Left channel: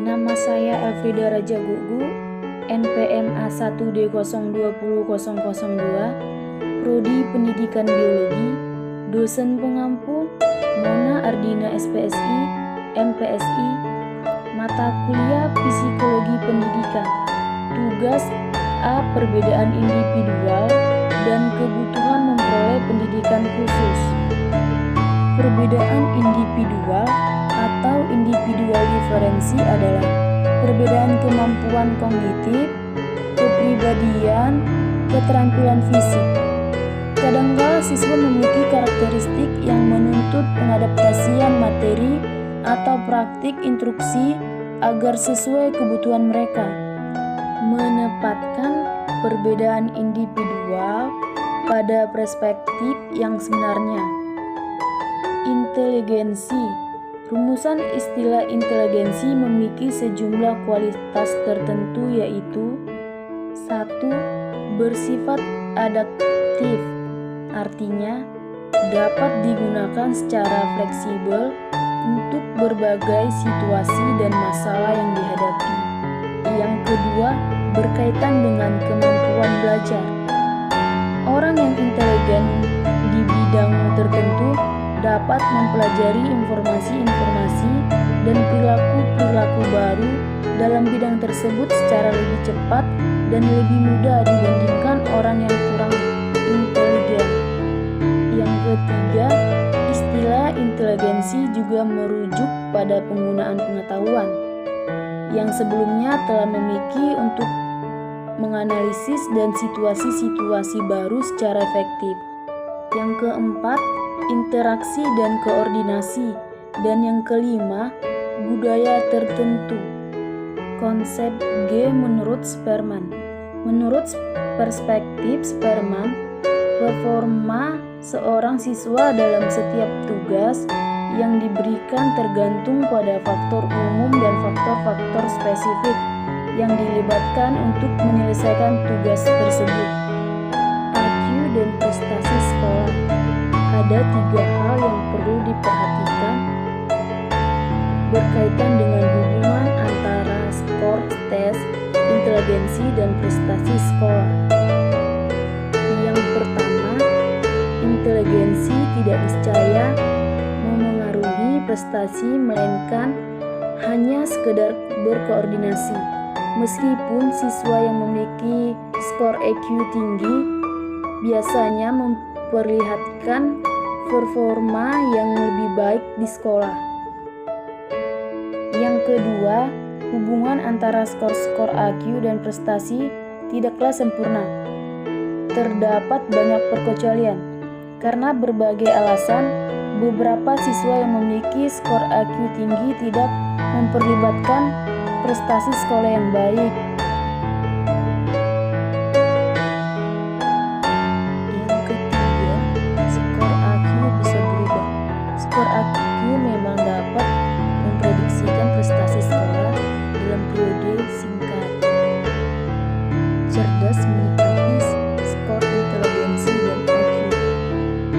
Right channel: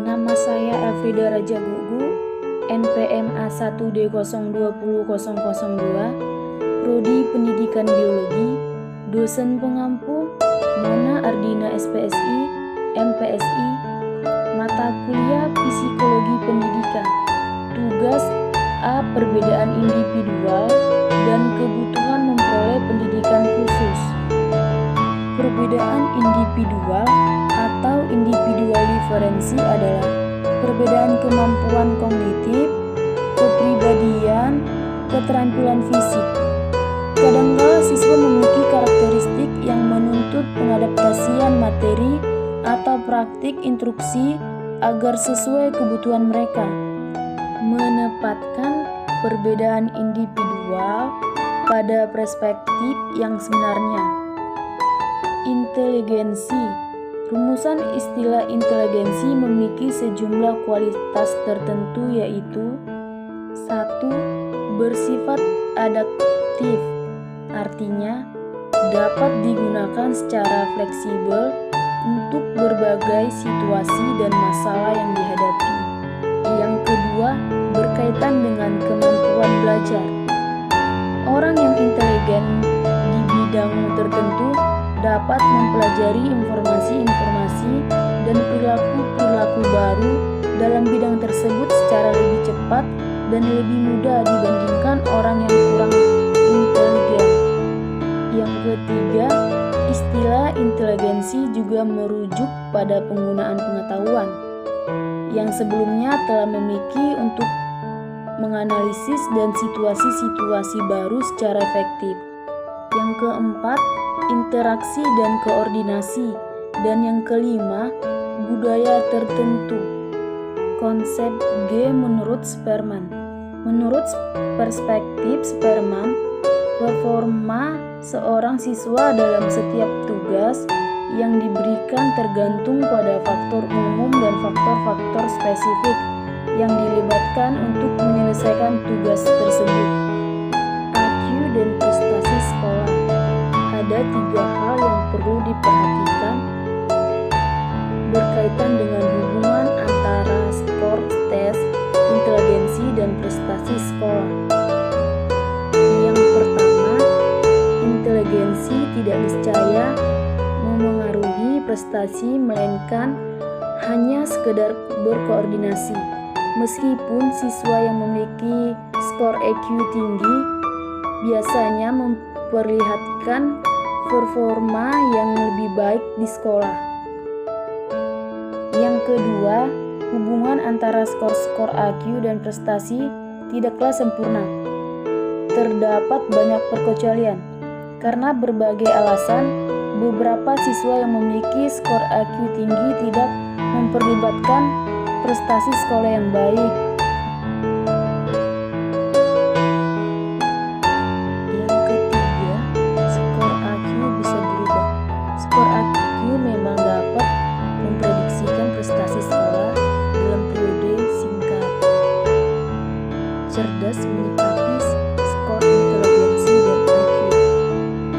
Nama saya Elfrida Raja Gugu, NPM A1D020002, Prodi Pendidikan Biologi, dosen pengampu Mona Ardina SPSI, MPSI, mata kuliah Psikologi Pendidikan, tugas A. Perbedaan individual dan kebutuhan memperoleh pendidikan khusus. Perbedaan individual atau individual diferensi adalah perbedaan kemampuan kognitif, kepribadian, keterampilan fisik. Kadangkala siswa memiliki karakteristik yang menuntut pengadaptasian materi atau praktik instruksi agar sesuai kebutuhan mereka. Menempatkan perbedaan individual pada perspektif yang sebenarnya. Inteligensi. Rumusan istilah inteligensi memiliki sejumlah kualitas tertentu, yaitu 1. Bersifat adaptif, artinya dapat digunakan secara fleksibel untuk berbagai situasi dan masalah yang dihadapi. Yang kedua, berkaitan dengan kemampuan belajar. Orang yang inteligen di bidang tertentu dapat mempelajari informasi-informasi dan perilaku-perilaku baru dalam bidang tersebut secara lebih cepat dan lebih mudah dibandingkan orang yang kurang inteligen. Yang ketiga, istilah inteligensi juga merujuk pada penggunaan pengetahuan yang sebelumnya telah memiliki untuk menganalisis dan situasi-situasi baru secara efektif. Yang keempat, interaksi dan koordinasi. Dan yang kelima, budaya tertentu. Konsep G menurut Sperman. Menurut perspektif Sperman, performa seorang siswa dalam setiap tugas yang diberikan tergantung pada faktor umum dan faktor-faktor spesifik yang dilibatkan untuk menyelesaikan tugas tersebut. IQ dan prestasi sekolah. Ada 3 hal yang perlu diperhatikan berkaitan dengan hubungan antara skor tes, inteligensi, dan prestasi sekolah. Yang pertama, inteligensi tidak niscaya memengaruhi prestasi, melainkan hanya sekedar berkoordinasi. Meskipun siswa yang memiliki skor EQ tinggi biasanya memperlihatkan performa yang lebih baik di sekolah. Yang kedua, hubungan antara skor-skor IQ dan prestasi tidaklah sempurna. Terdapat banyak perkecualian. Karena berbagai alasan, beberapa siswa yang memiliki skor IQ tinggi tidak memperlibatkan prestasi sekolah yang baik. Bisa berubah. Skor IQ memang dapat memprediksikan prestasi sekolah dalam periode singkat. Cerdas menyikapi skor inteligensi dan IQ.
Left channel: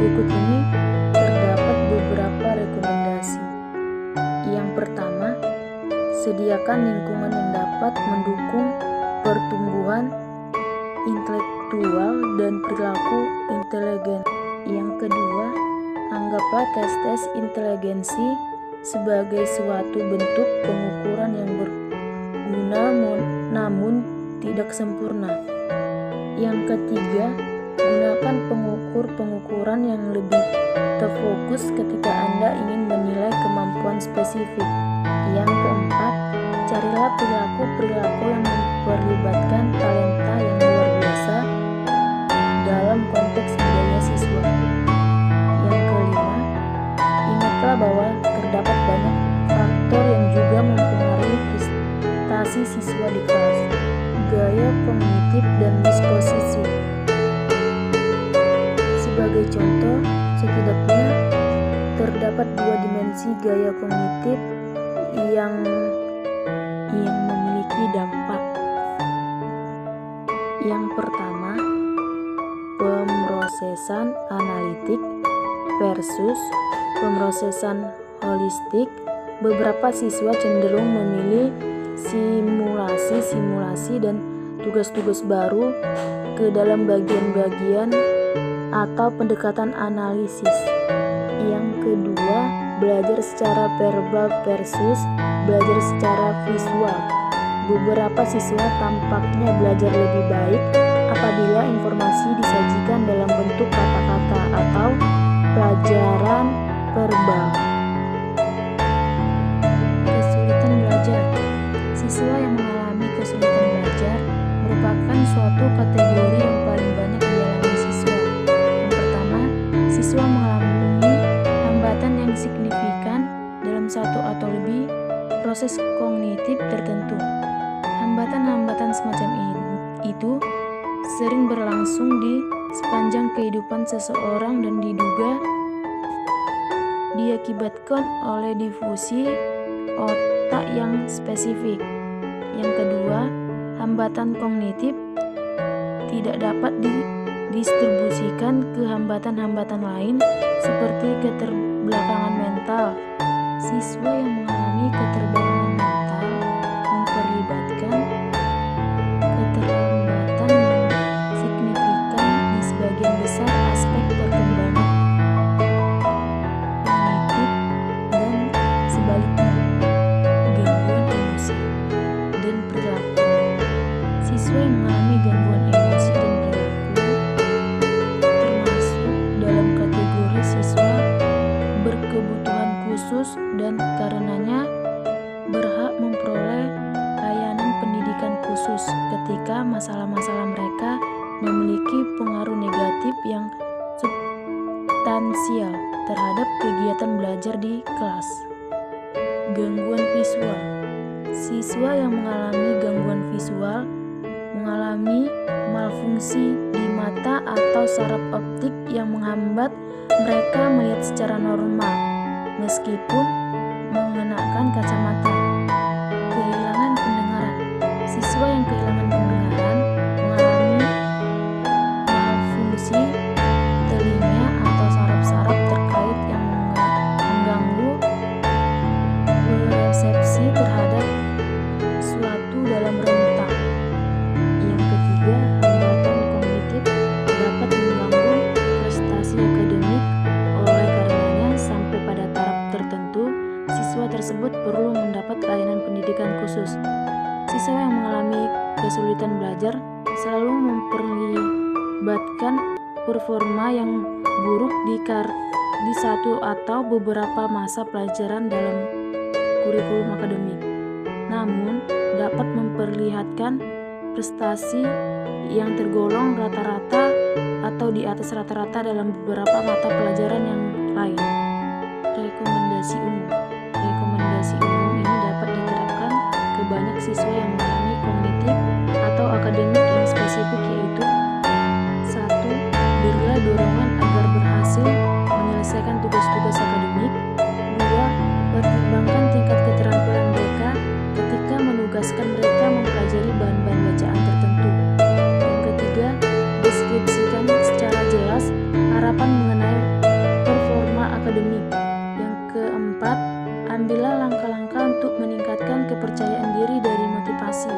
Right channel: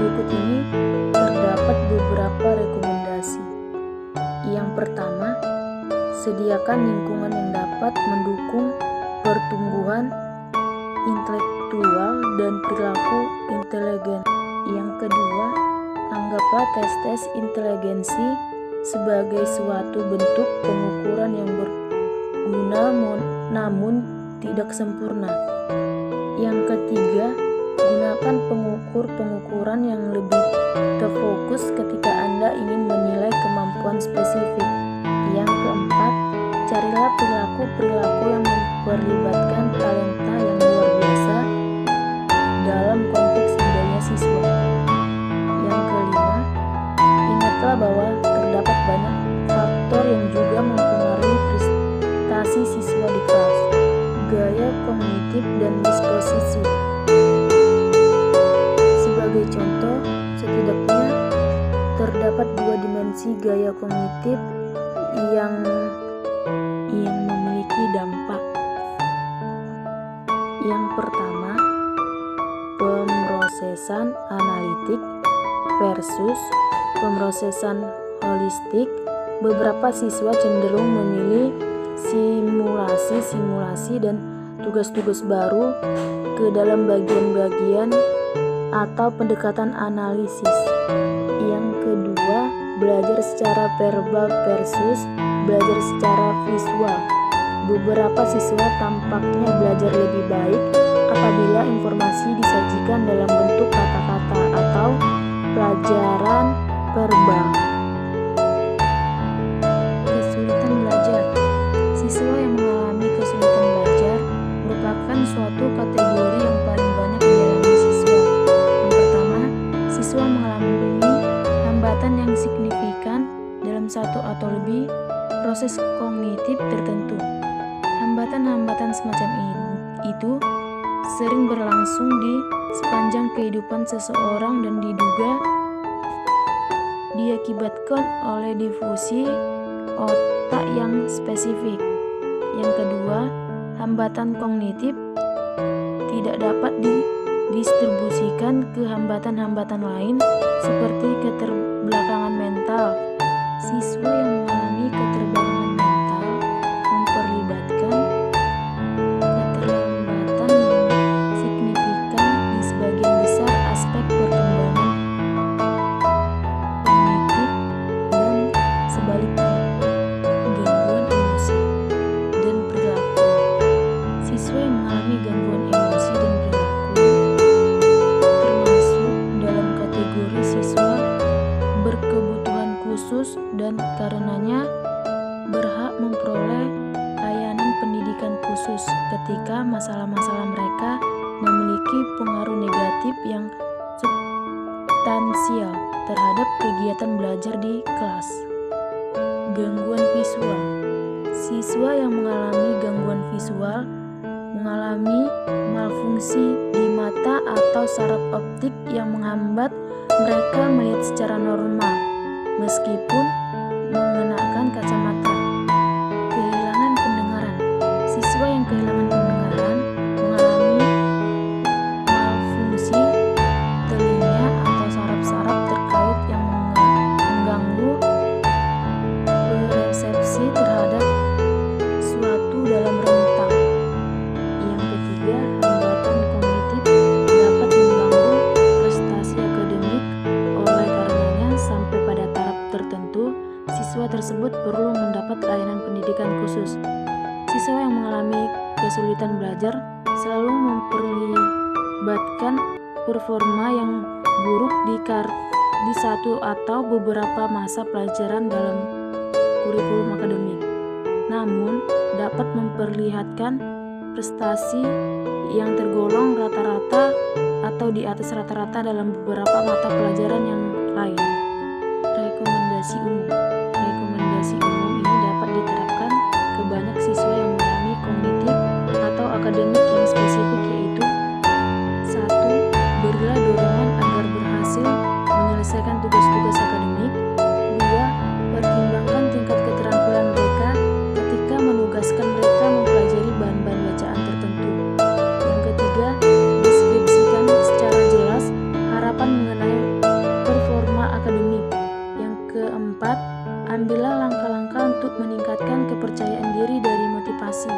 Berikut ini terdapat beberapa rekomendasi. Yang pertama, sediakan lingkungan yang dapat mendukung pertumbuhan intelektual dan perilaku inteligen. Yang kedua, anggaplah tes-tes inteligensi sebagai suatu bentuk pengukuran yang berguna namun tidak sempurna. Yang ketiga, gunakan pengukur-pengukuran yang lebih terfokus ketika Anda ingin menilai kemampuan spesifik. Yang keempat, carilah perilaku-perilaku yang memperlibatkan talenta yang luar biasa dalam konteks budaya siswa. Yang kelima, ingatlah bahwa terdapat banyak faktor yang juga mempengaruhi prestasi siswa di kelas. Gaya kognitif dan disposisi. Sebagai contoh, setidaknya terdapat 2 dimensi gaya kognitif yang memiliki dampak. Yang pertama, pemrosesan analitik versus pemrosesan holistik. Beberapa siswa cenderung memilih simulasi dan tugas-tugas baru ke dalam bagian-bagian atau pendekatan analisis. Yang kedua, belajar secara verbal versus belajar secara visual. Beberapa siswa tampaknya belajar lebih baik apabila informasi disajikan dalam bentuk kata-kata atau pelajaran verbal. Kesulitan belajar. Siswa yang mengalami kesulitan belajar merupakan suatu kategori yang paling banyak dialami siswa. Yang pertama, siswa mengalami hambatan yang signifikan dalam satu atau lebih proses kognitif tertentu. Hambatan-hambatan semacam itu sering berlangsung di sepanjang kehidupan seseorang dan diduga diakibatkan oleh difusi otak yang spesifik. Yang kedua, hambatan kognitif tidak dapat didistribusikan ke hambatan-hambatan lain seperti keterbelakangan mental. Siswa yang mengalami keterbelakangan mental memperlibatkan keterlambatan yang signifikan di sebagian besar aspek perkembangan kognitif dan sebaliknya, gangguan emosi dan perilaku. Siswa yang mengalami gangguan emosi dan perilaku termasuk dalam kategori siswa berkebutuhan khusus dan karenanya berhak memperoleh layanan pendidikan khusus ketika masalah-masalah mereka memiliki pengaruh negatif yang substansial terhadap kegiatan belajar di kelas. Gangguan visual. Siswa yang mengalami gangguan visual mengalami malfungsi di mata atau saraf optik yang menghambat mereka melihat secara normal meskipun mengenakan kacamata. Kehilangan pendengaran. Siswa yang kehilangan pendengaran mengalami malfungsi telinga atau saraf-saraf terkait yang mengganggu persepsi terhadap suatu dalam rentang. Yang ketiga, hambatan kognitif dapat mengganggu prestasi akademik. Oleh karenanya, sampai pada taraf tertentu, siswa tersebut perlu mendapat layanan pendidikan khusus. Siswa yang mengalami kesulitan belajar selalu memperlibatkan performa yang buruk di satu atau beberapa masa pelajaran dalam kurikulum akademik. Namun, dapat memperlihatkan prestasi yang tergolong rata-rata atau di atas rata-rata dalam beberapa mata pelajaran yang lain. Rekomendasi umum. Rekomendasi umum ini dapat diterapkan ke banyak siswa yang mengalami kognitif atau akademik yang spesifik, yaitu 1. Berilah dorongan agar berhasil menyelesaikan tugas-tugas akademik. 2. Pertimbangkan tingkat keterampilan mereka ketika menugaskan mereka mempelajari bahan-bahan bacaan tertentu. Yang ketiga, deskripsikan secara jelas harapan mengenai performa akademik. Yang keempat, ambillah langkah-langkah untuk meningkatkan kepercayaan diri dari motivasi.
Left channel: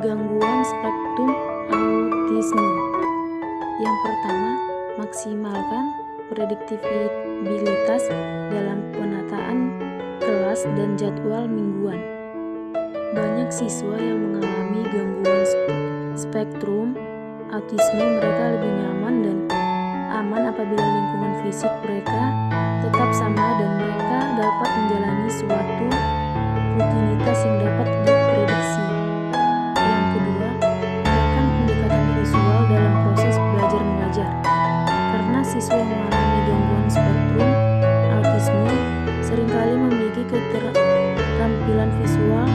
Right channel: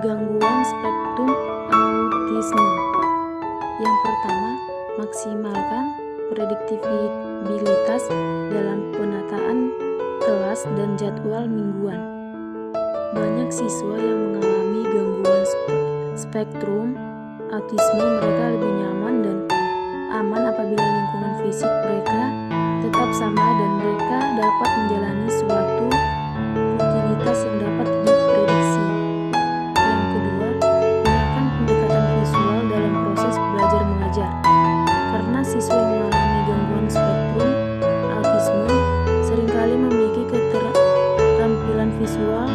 Gangguan spektrum autisme. Yang pertama, maksimalkan prediktibilitas dalam penataan kelas dan jadwal mingguan. Banyak siswa yang mengalami gangguan spektrum autisme mereka lebih nyaman dan aman apabila lingkungan fisik mereka tetap sama dan mereka dapat menjalani suatu rutinitas yang dapat diprediksi. Yang kedua, gunakan pendekatan visual dalam proses belajar mengajar. Karena siswa yang mengalami gangguan spektrum autisme seringkali memiliki keterampilan visual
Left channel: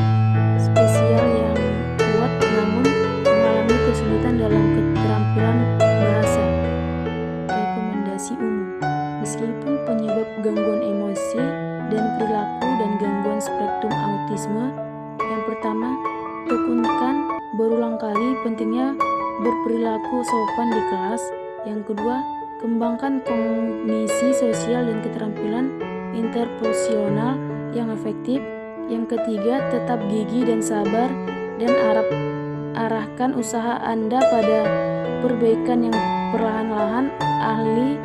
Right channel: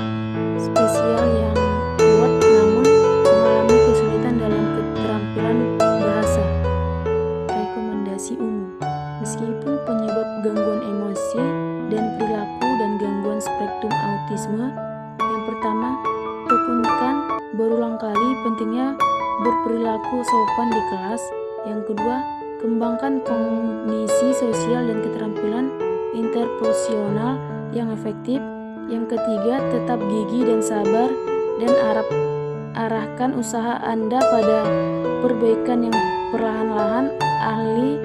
spesial yang kuat namun mengalami kesulitan dalam keterampilan bahasa. Rekomendasi umum. Meskipun penyebab gangguan emosi dan perilaku dan gangguan spektrum autisme, yang pertama, tekankan berulang kali pentingnya berperilaku sopan di kelas. Yang kedua, kembangkan kognisi sosial dan keterampilan interpersonal yang efektif. Yang ketiga, tetap gigih dan sabar dan arahkan usaha Anda pada perbaikan yang perlahan-lahan ahli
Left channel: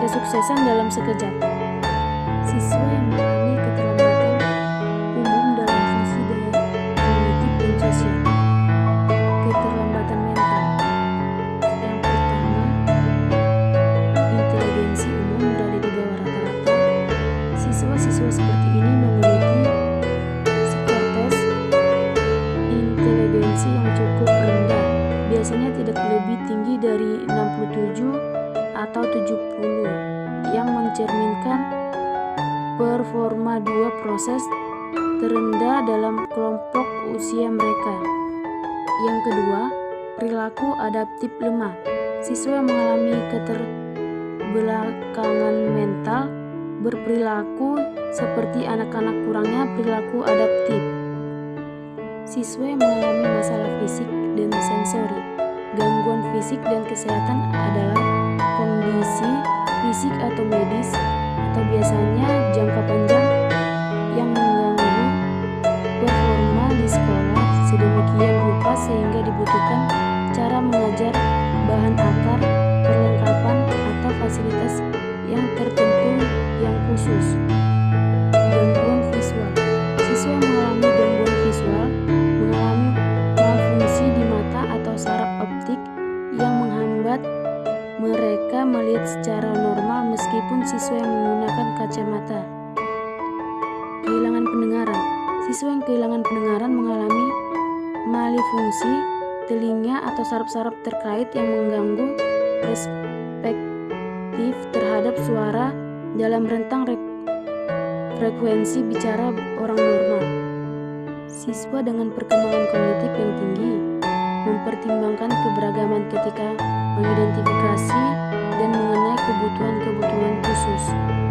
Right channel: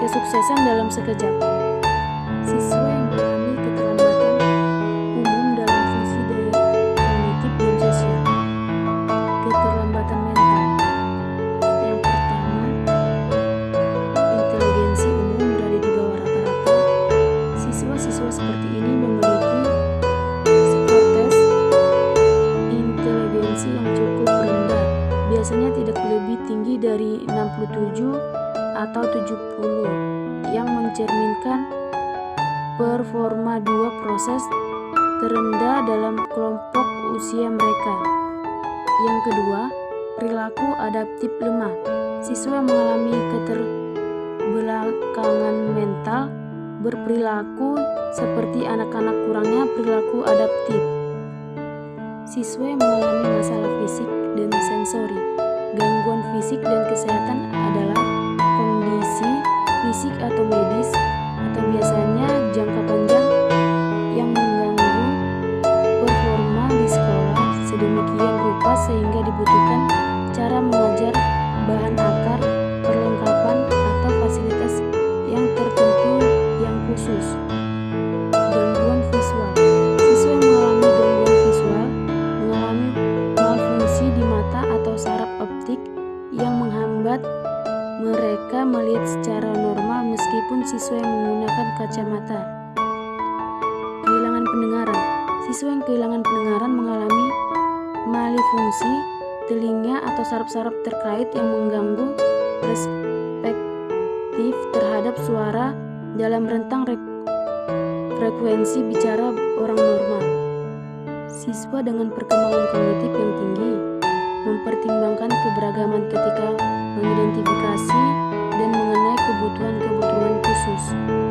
kesuksesan dalam sekejap. Siswa yang mengalami keterlambatan umum dalam fungsi daya kognitif dan sosial. Keterlambatan mental. Yang pertama, inteligensi umum berada di bawah rata-rata. Siswa-siswa seperti ini memiliki skor tes inteligensi yang cukup rendah, biasanya tidak lebih tinggi dari 67 atau 70, yang mencerminkan performa 2 proses terendah dalam kelompok usia mereka. Yang kedua, perilaku adaptif lemah. Siswa yang mengalami keterbelakangan mental berperilaku seperti anak-anak, kurangnya perilaku adaptif. Siswa yang mengalami masalah fisik dan sensori. Gangguan fisik dan kesehatan adalah kondisi fisik atau medis atau biasanya jangka panjang yang mengganggu performa di sekolah sedemikian rupa sehingga dibutuhkan cara mengajar, bahan akar, perlengkapan atau fasilitas yang tertentu yang khusus. Gangguan visual. Siswa yang mengalami gangguan visual mengalami malfungsi di mata atau saraf optik yang menghambat mereka melihat secara normal meskipun siswa yang menggunakan kacamata. Kehilangan pendengaran. Siswa yang kehilangan pendengaran mengalami malfungsi telinga atau saraf-saraf terkait yang mengganggu perspektif terhadap suara dalam rentang frekuensi bicara orang normal. Siswa dengan perkembangan kognitif yang tinggi mempertimbangkan keberagaman ketika mengidentifikasi dan mengenai kebutuhan-kebutuhan khusus.